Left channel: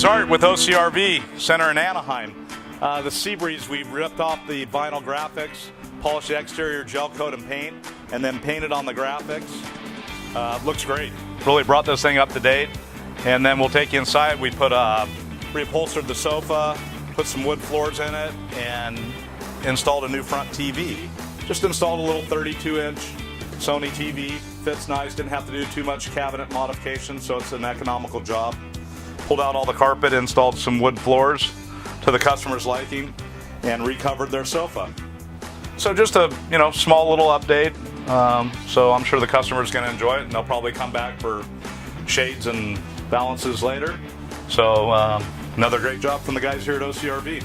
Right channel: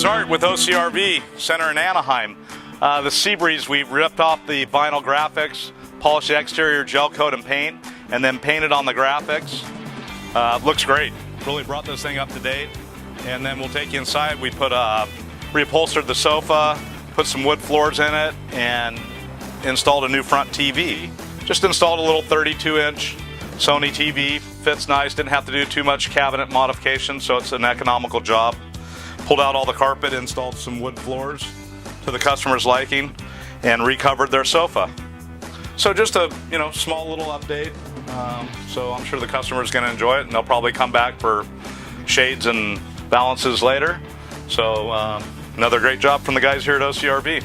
It's Art with OCRVCenter in Anaheim. The Seabreeze, we've ripped off the vinyl graphics, polished the exterior, gel coat and paint, and then painted on the graphics. Looks great. Really brought this thing up to date. And then we'll take you inside. We reupholstered the sofa, put some wood floors in it, and installed a new front TV. Just installed a little 32-inch Sony TV. Fits nice, didn't have to do too much cabinet modification, so it's an economical job. Pulled out all the carpet, installed some wood floors to the customer's liking, and recovered their sofa. So just a small little update. So I'm sure the customer is going to enjoy it, and they'll probably come back for shades and balances later. So another great job from the guys here at OCRV.